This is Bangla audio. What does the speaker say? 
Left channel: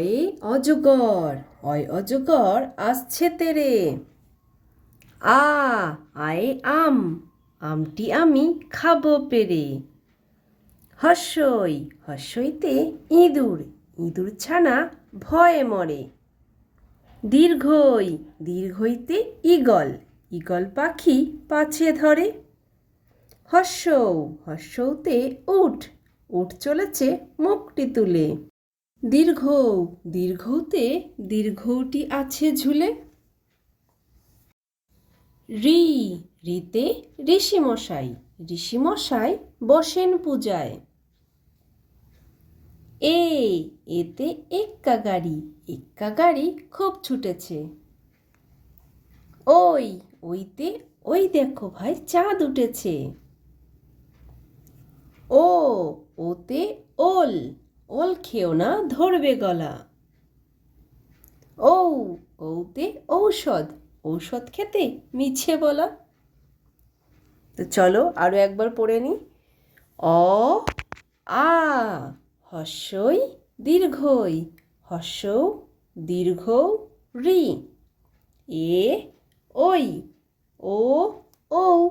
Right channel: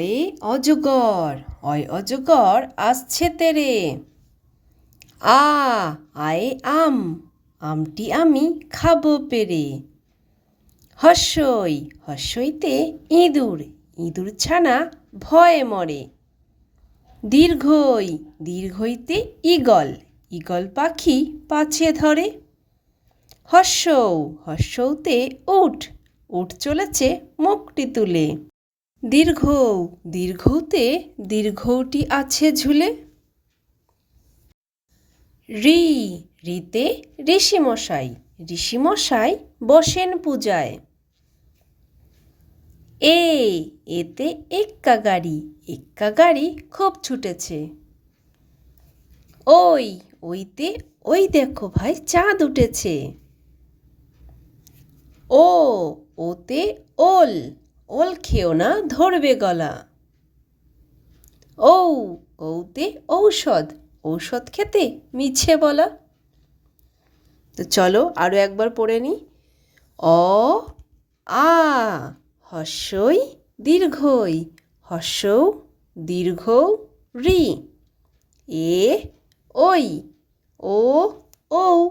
অয়ে অজগর অয় অজগর আসছে তেরে। আ, আয়ে আম, আমটি আমি খাব পেরে। হর্ষই হর্ষইতে ইঁদুর ইঁদুর ছানা ভয়ে মরে। দীর্ঘই, দীর্ঘইতে ঈগল ঈগল পাখি পাছে ধরে। হর্ষৌ হর্ষৌতে উঠ উঠ চলেছে মুখটি তুলে। দীর্ঘ, দীর্ঘতে দীর্ঘটি আছে ঝুলে। রি, রিতে ঋষিমশাই ঋষিমশাই বসেন পূজায়। এ, এতে এক্কা গাড়ি এক্কা গাড়ি খুব ছুটেছে। ওই, ওইতে, ওই দেখো ভাই, চাঁদ উঠেছে। ও, ওতে ওল ওল খেও না, ধরবে গলা। ও ওতে ঔষধ ঔষধ খেতে মিছে বলা। তো চলো আরও একবার পড়ে নি। অ, আ, হর্ষই দীর্ঘই হর্ষৌ দীর্ঘ রি। এ ওই ও ও